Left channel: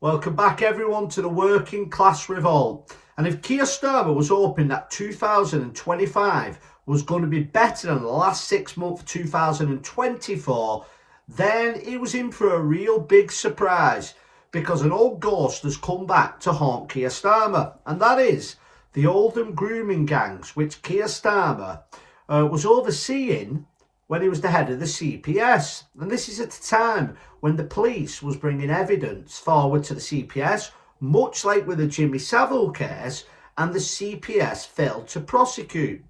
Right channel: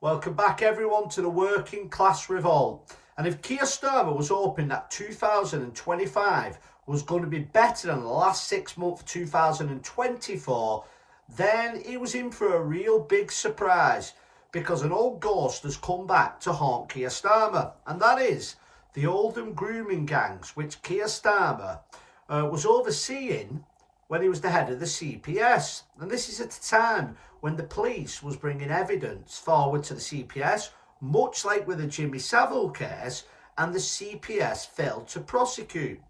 Welcome back everyone to the Working Class Revolt. And if Keir Starmer was hoping that 2025 was going to be better than the last 6 months of 2024, then he was in for a real big surprise, because an old ghost has come back to haunt Keir Starmer, and that is the Oldham grooming gangs, which Keir Starmer was overseeing when he was the head of the CPS. And this is at a time when the police was bringing evidence forward to the CPS, much like with the Jimmy Savile case, and the CPS failed to prosecute.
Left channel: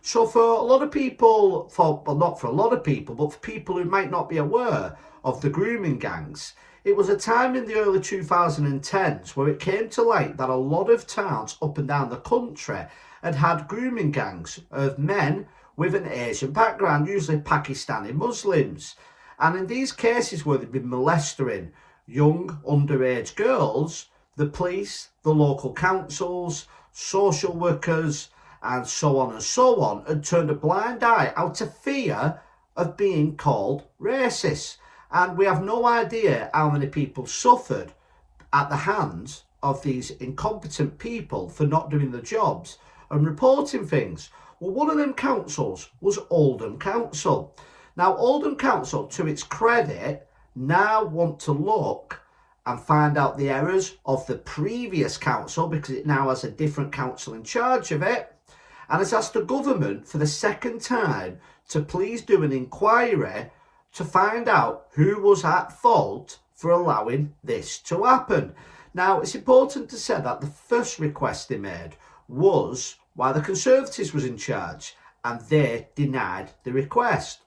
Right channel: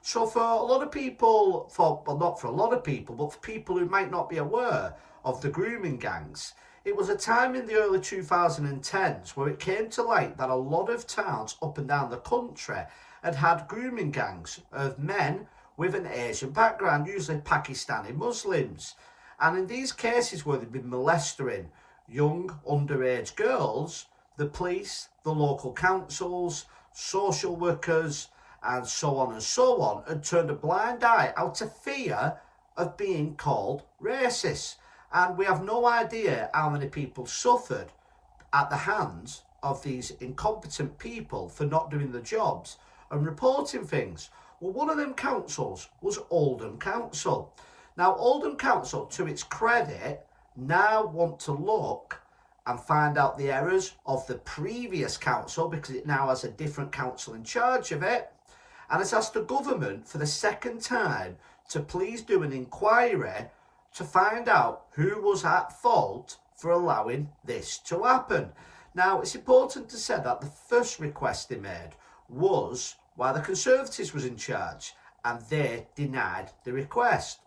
So for a lot of people, not for a lot of people, but for people who might not be aware of the grooming gangs, it was a time in the early 2010s where it came to light that a lot of towns up and down the country had had grooming gangs of men with an Asian background, usually Pakistani Muslims. And in these cases where they've been molesting young underage girls, the police, the local councils, social workers, and so on, had turned a blind eye out of fear of being called racist. And we have no idea how many people suffered at the hands of these incompetent people for not doing their jobs and reporting things. Well, one of them councils was Oldham Council. Now, Oldham Council, to its credit, now want to look and find out the errors of the previous council, because it now has a different council in charge of it, and has asked the government for the second time to please do an inquiry to find out who was at fault for allowing this to happen. Now, it's important to say that the first request they made was while the Conservatives was in charge, and they denied the request.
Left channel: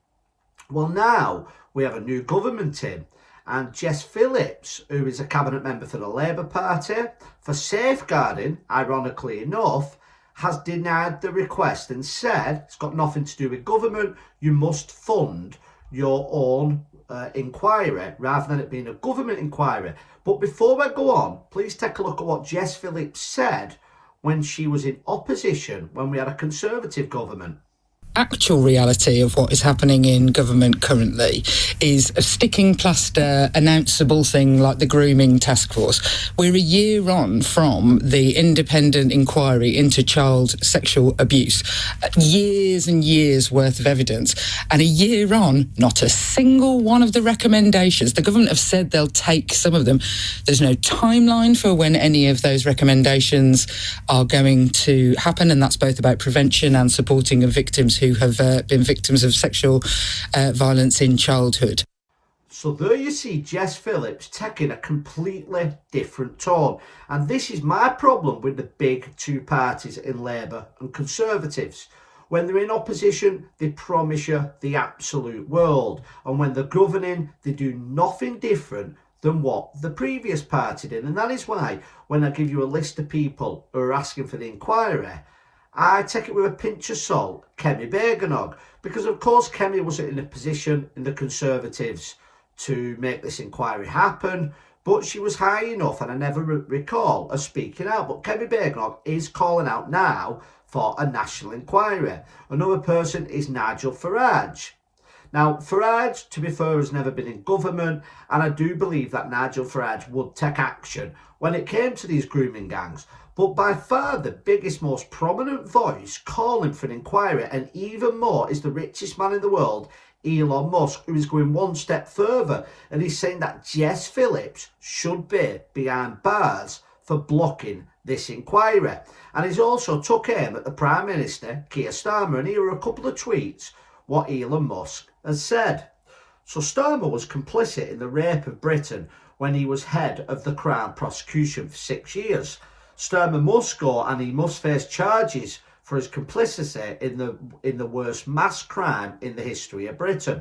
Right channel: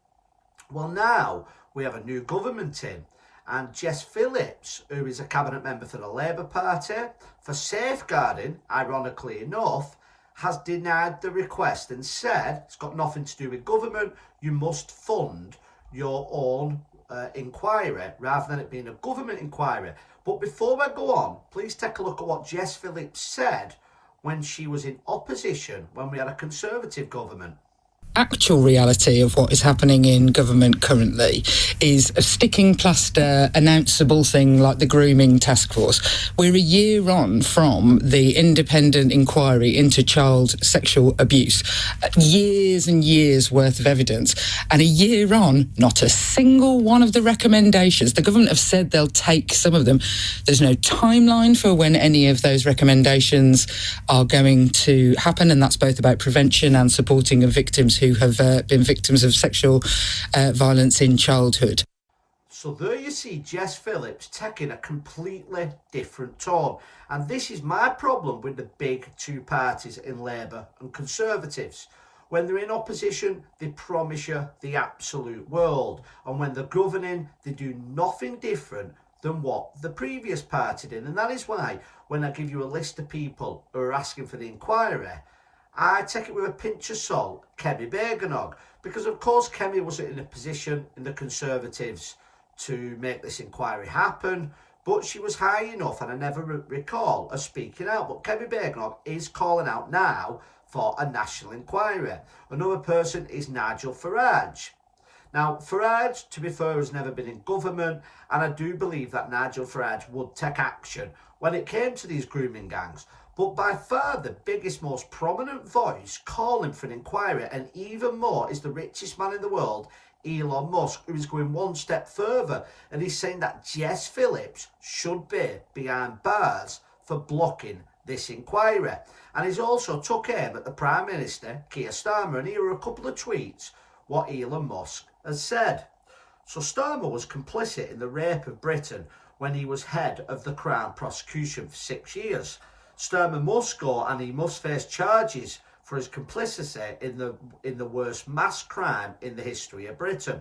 Well, now we have a new government in, and Jess Phillips, who is a cabinet member for the Labour Party, for safeguarding, ironically enough, has denied the request and said it's got nothing to do with government. You must fund your own inquiry rather than it being a government inquiry. But before I go on, please take a look at what Jess Phillips said when she was in opposition when we had a Conservative government. Actual reality of what is happening in government currently is a sticking plaster announceable thing like the grooming task force. We're a year on from the independent inquiry into child sexual abuse. Years and years worth of evidence. And a year on, not a single one of the recommendations. The government have said they'll take some of them. There's no timeline for when any of those recommendations are going to happen, and that's both about prevention and supporting of victims who have been victims of sexual violence in childhood. So there you see Jess Phillips taking a completely different tone. And this is my problem with the big two parties in Labour and Conservatives. When they're in opposition, they promise you the absolute world. And when they're governing, they do nothing different than what the previous party did. And that is why when I give you a list of people who are asking for the inquiry, I take it with a pinch of salt, Kemi Beganog, because of course Kemi wasn't in a position in the Conservatives to make this inquiry happen, but she was high enough, and I never recall her speaking out. But Kemi Beganog is calling out now for a national inquiry. Another person is Nigel Farage. Now, Farage, to be fair, has never been in government, and I do believe that Nigel Farage would take action when it came to these grooming gangs. But by far the biggest, most prominent voice calling for an inquiry, and even more, is the richest man in the world, Elon Musk, who is going one step further, and he's saying that Jess Phillips should be behind bars for blocking this inquiry. And he's also took aim at the Prime Minister, Keir Starmer, and here are a couple of tweets what Elon Musk has said. So Starmer was complicit in the rape of Britain when he was head of the Crown prosecution for 6 years. Starmer must go, and he must face charges for his complicity in the worst mass crime in the history of Britain.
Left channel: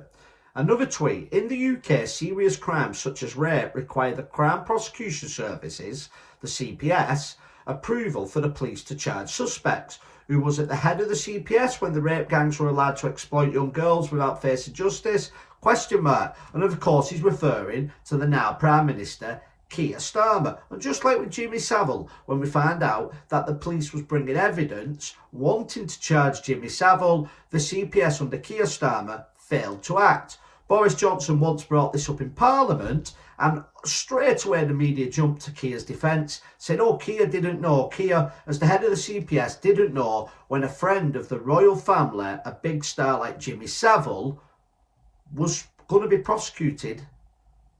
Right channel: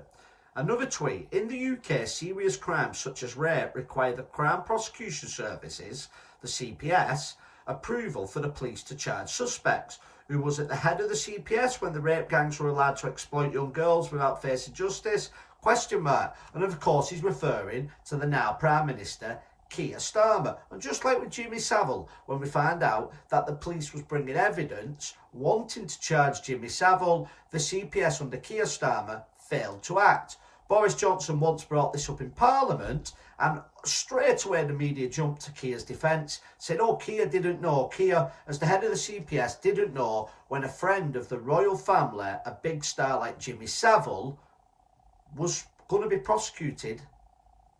Another tweet: in the UK, serious crimes such as rape require the Crown Prosecution Services, the CPS, approval for the police to charge suspects. Who was at the head of the CPS when the rape gangs were allowed to exploit young girls without facing justice? Question mark. And of course he's referring to the now Prime Minister, Keir Starmer. And just like with Jimmy Savile, when we found out that the police was bringing evidence wanting to charge Jimmy Savile, the CPS under Keir Starmer failed to act. Boris Johnson once brought this up in Parliament, and straight away the media jumped to Keir's defence, said, oh, Keir didn't know. Keir, as the head of the CPS, didn't know when a friend of the royal family, a big star like Jimmy Savile, was going to be prosecuted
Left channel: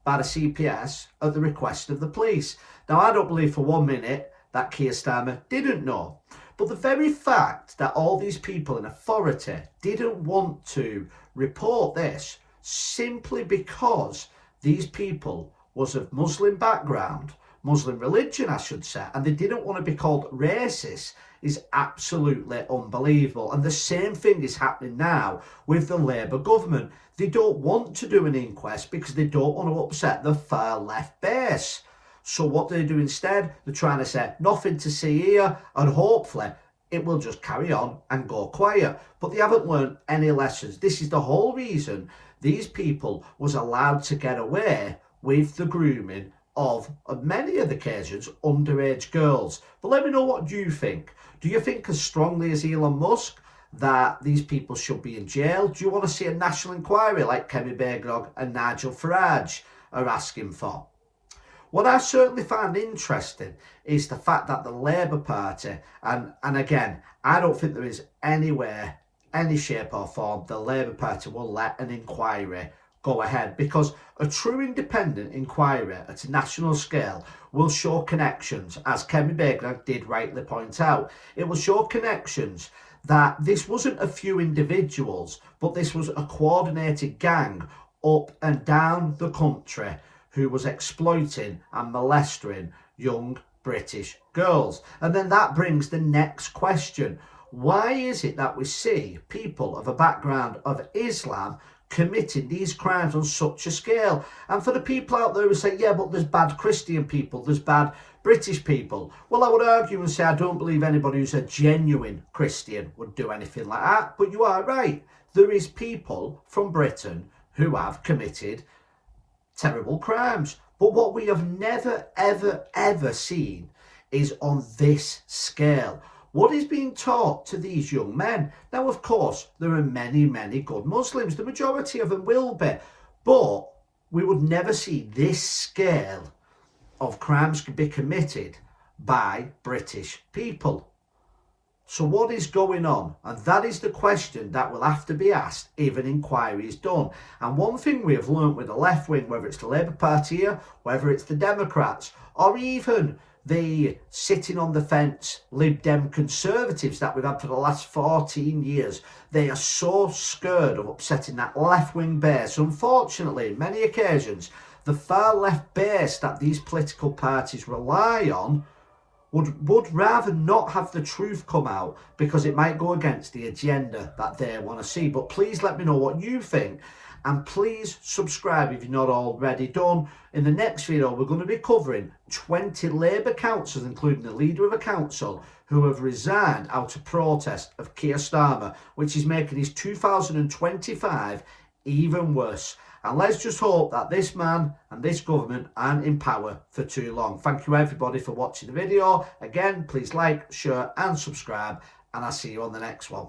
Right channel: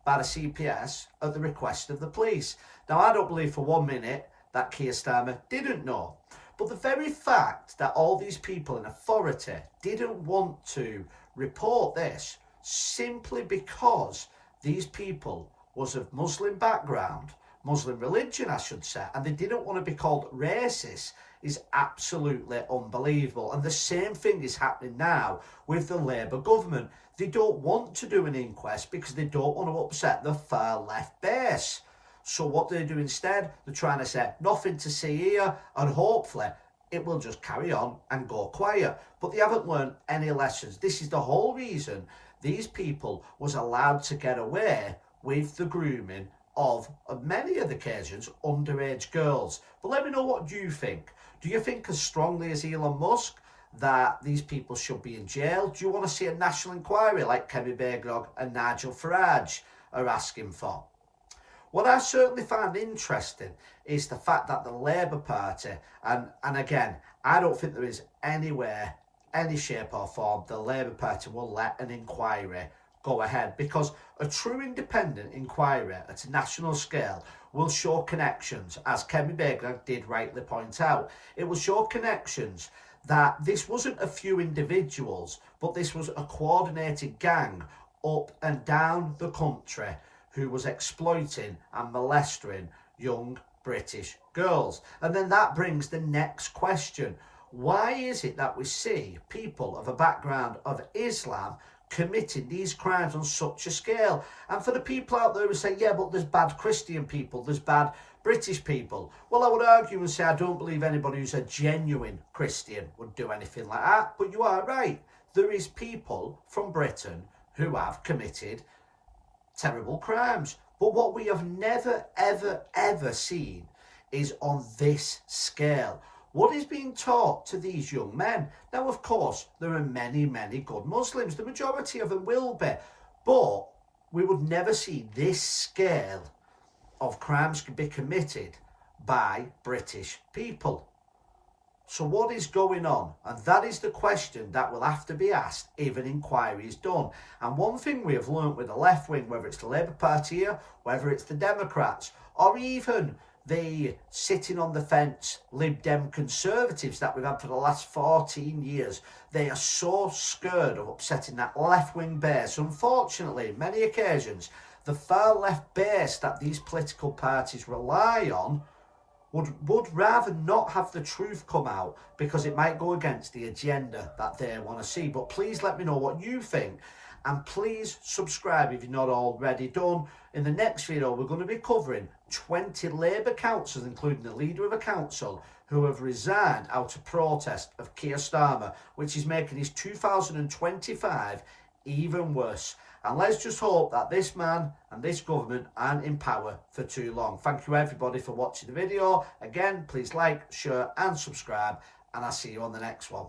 by the CPS at the request of the police. Now, I don't believe for 1 minute that Keir Starmer didn't know. But the very fact that all these people in authority didn't want to report this simply because these people was of Muslim background, Muslim religion, I should say, and they didn't want to be called racist is absolutely unbelievable. And the same thing is happening now with the Labour government. They don't want to do an inquest because they don't want to upset the far left base. So what do they do instead? They're trying to say nothing to see here, and hopefully it will just carry on and go quiet. But they haven't learned any lessons. This is the whole reason these people was allowed to get away with the grooming of, on many of the occasions, underage girls. But let me know what you think. Do you think as strongly as Elon Musk that these people should be in jail? Do you want to see a national inquiry like Kemi Bagnog and Nigel Farage are asking for? What I certainly find interesting is the fact that the Labour Party, and again, I don't think there is anywhere, any shape or form, the Labour Party will let an inquiry go ahead, because a true independent inquiry at a national scale will show connections, as Kemi Bagnog did rightly point out. It will show connections that this wasn't a few individuals, but this was a coordinated gang up and down the country who was exploiting and molesting young British girls. And then that brings the next question. Why is it that we see people of a background of Islam committing these crimes on such a scale? And for the people out there who say, yeah, but there's bad Christian people, there's bad British people. Well, I would argue and say I don't believe anybody who's a genuine Christian would do anything like that. But you are right. There is people from Britain who have committed terrible crimes. But what we have never, ever, ever seen is on this scale. What is being taught to these young men? Now, of course, there are many, many good Muslims. The majority of them will be. But we would never see this scale of crimes be committed by British people. So what is going on? And that is the question that will have to be asked if an inquiry is done. And one thing we have learnt with the left wing, whether it's the Labour Party here, whether it's the Democrats, or even the sitting on the fence Lib Dem Conservatives that we've had for the last 14 years, they are so scared of upsetting that left wing base. Unfortunately, in many occasions, the far left base that these political parties rely on would rather not have the truth come out because it might go against the agenda that they want to see. But please let me know what you think, and please subscribe if you're not already done. In the next video, we're going to be covering 20 Labour councillors, including the leader of a council, who have resigned out of protest of Keir Starmer, which is making his 2025 even worse. And let's just hope that this man and this government aren't in power for too long. Thank you everybody for watching the video. Again, please like, share and subscribe, and I'll see you on the next one.